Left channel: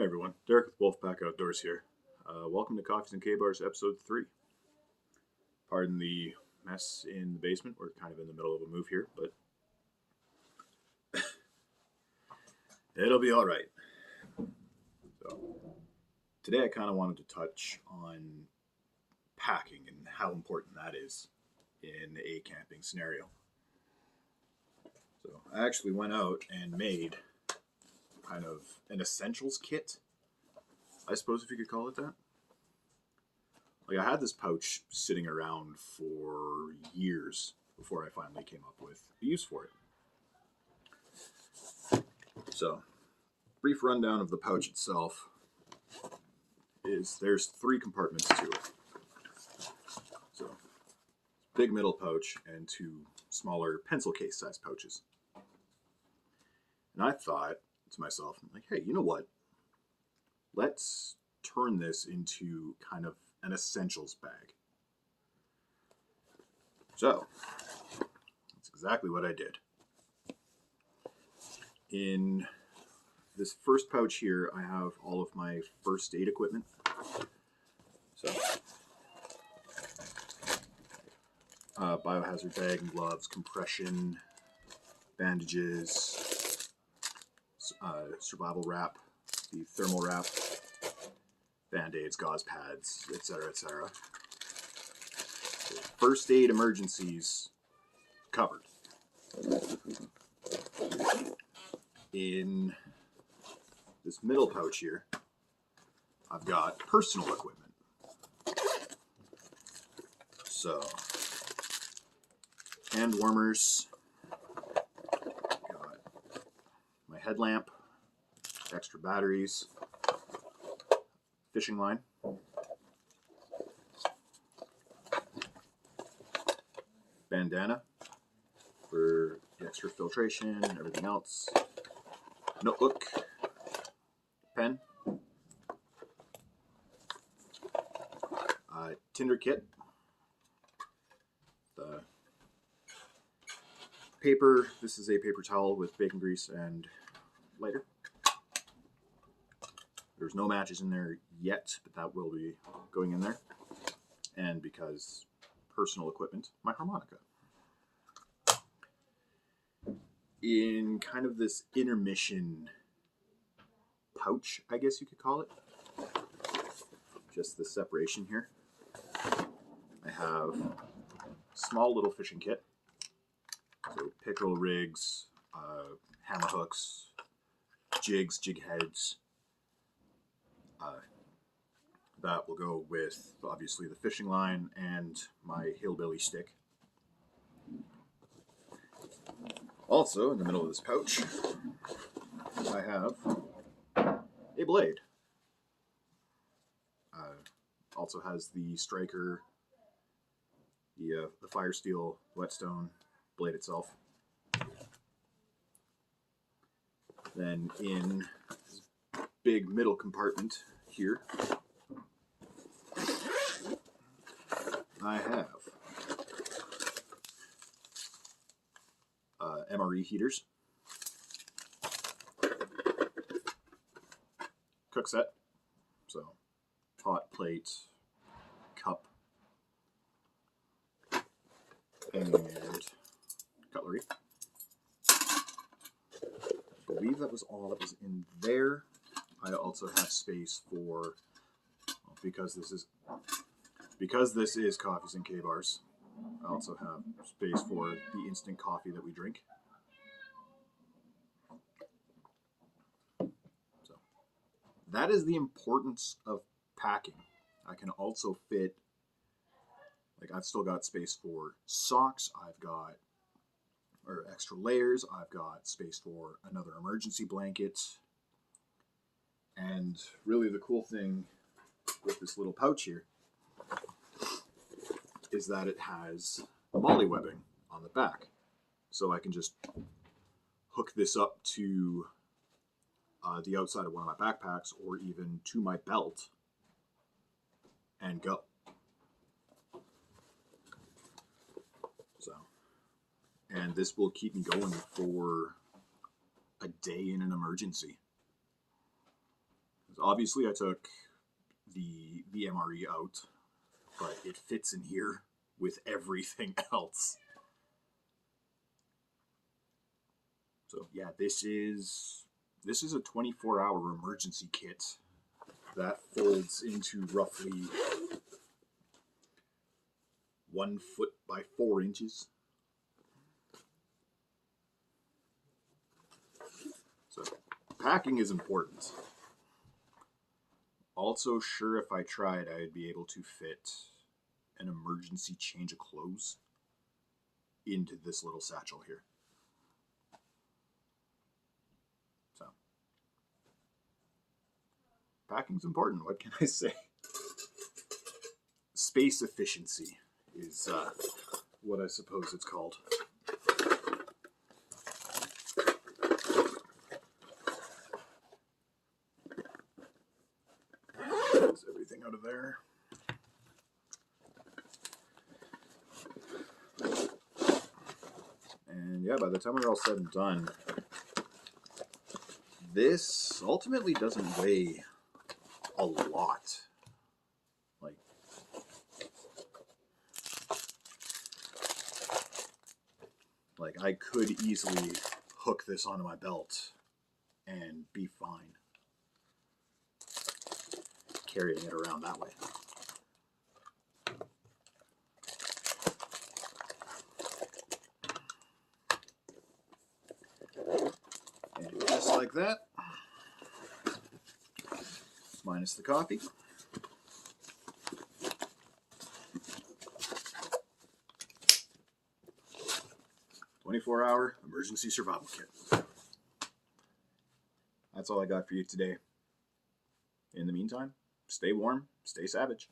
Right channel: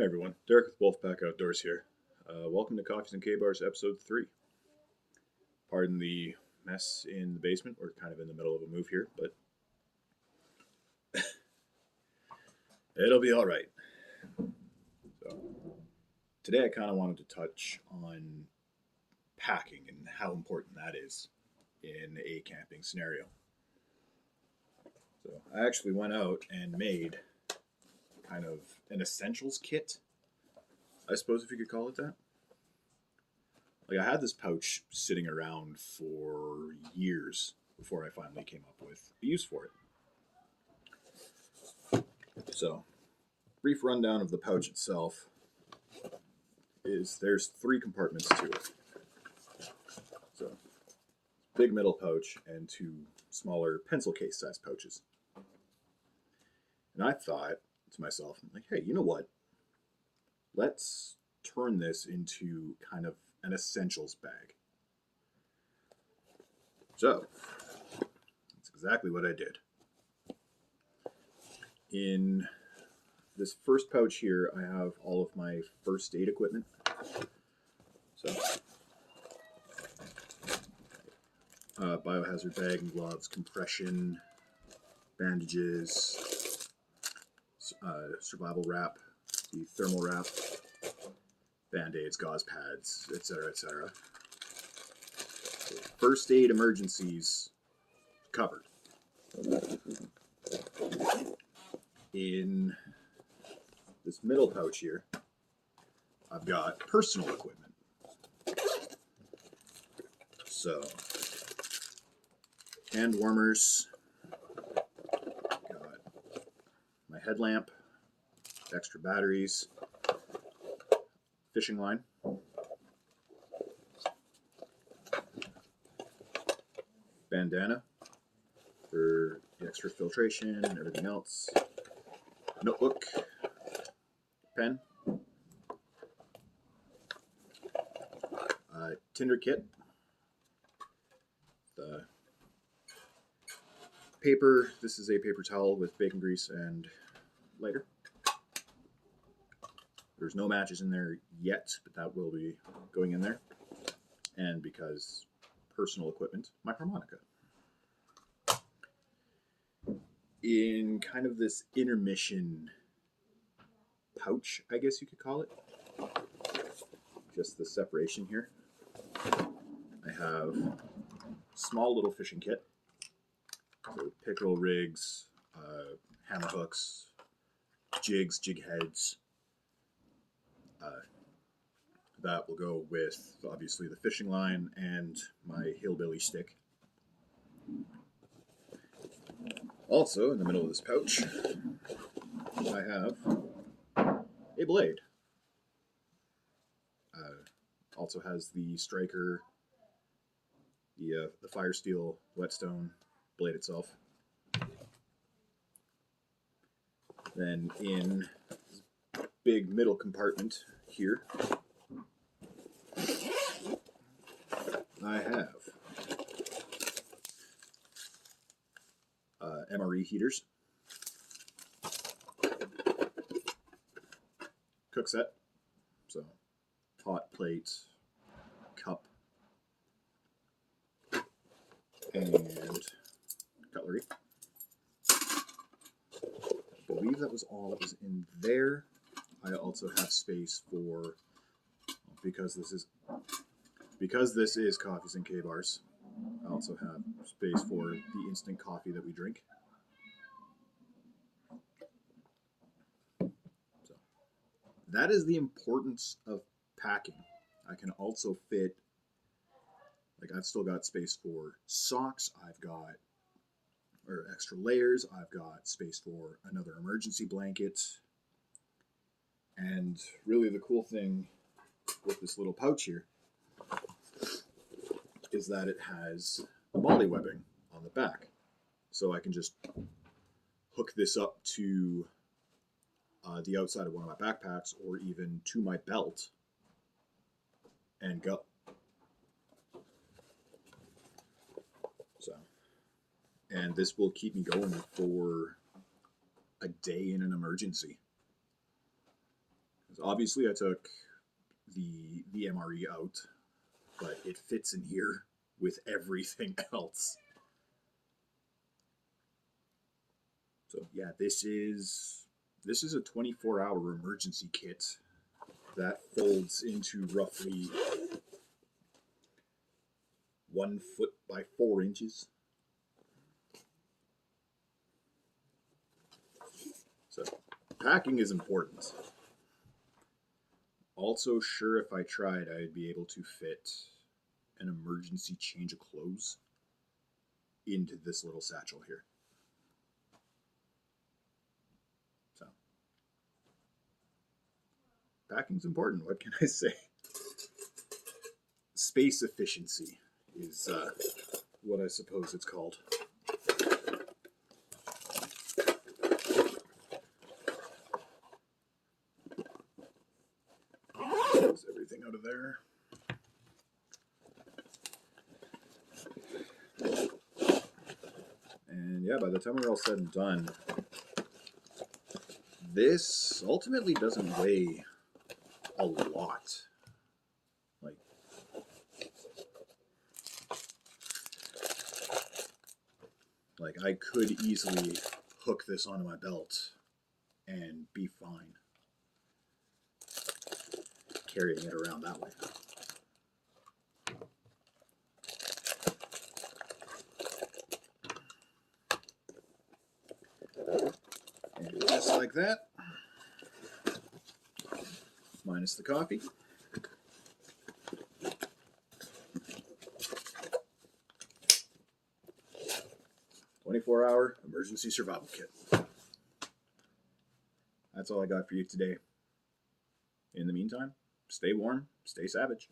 Hey everyone, Derek with Wolfpack Outdoors here. Welcome to Coffees and Kabars episode 3. Pardon the mess in the basement. We're kind of in the middle of a move here, but it'll be alright. So, today I kind of wanted to touch on packing and how important that is in a camping scenario. So, I actually went out and made kind of an essentials kit, I suppose if you could call it that. Like, I had this pouch sitting around for years before I finally came up with a use for it. So, brief rundown of the pouch itself is there's 3 compartments to it. So, big middle pouch and 2 smaller pencil case size pouches. And I thought to myself, like, hey, you know what? Let's turn this into kind of an essentials bag. So, that's exactly what I did. In this first pouch here, I have all of my first aid equipment. So, biohazard bag and gloves, compression, bandages, survival wrap, the thermal wrap, band-aids, gauze pads, etc., etc. First aid emergencies covered. In this middle pouch here, I've got personal equipment. So, hand warmers, got my headlamp, extra batteries, fishing line, bandana for the extra filtration and everything else, notebook, pen, tinder kit, the paper. This is a paper towel with bacon grease and lighter. There's no matches in there yet, but that will be going in there. And because personal equipment, my harmonica. In kind of this intermission pouch, I guess you could call it, just the separation here, I have a small little fishing kit. So pickerel rigs, hammer hooks, jigs, jig heads. That will go with, obviously, the fishing line and my hillbilly stick. Also, in the middle of this pouch, I have a blade. Also has the striker, the fire steel whetstone blade itself. Then in this big middle compartment here, I have MRE heaters, cook set, so pot, plate, cup, and cutlery. I believe that was all that was in there. I also have space for, because this is Coffees and Kabars, I also have space for the instant coffee that we drink. So that is the importance of packing. I can also fit, like, I've still got space for socks, or extra layers, I've got space for another emergency blanket. And really the cool thing with this little pouch here is that it has MOLLE webbing on the back. So I can just hook this up to the outside of one of my backpacks or even to my belt and go. So, and this will keep me going for a day in an emergency. Obviously, I took the MRE out, but it fits in here with everything else. So yeah, this is a 24-hour emergency kit that folds into roughly 1 foot by 4 inches. So packing is important. Also, sure, if I tried, I'd be able to fit an emergency change of clothes into this little satchel here. So, packing's important. What can I say? Space efficiency is what I suppose it's called. There's everything out of there. And yeah, by the time we're all said and done, this ultimately doesn't weigh a lot. Like I could easily hook this onto my belt and be fine carrying it around that way. And just like that, minus the coffee. "24-hour emergency survival kit." That's all I got for you today. In the meantime, stay warm, stay savage.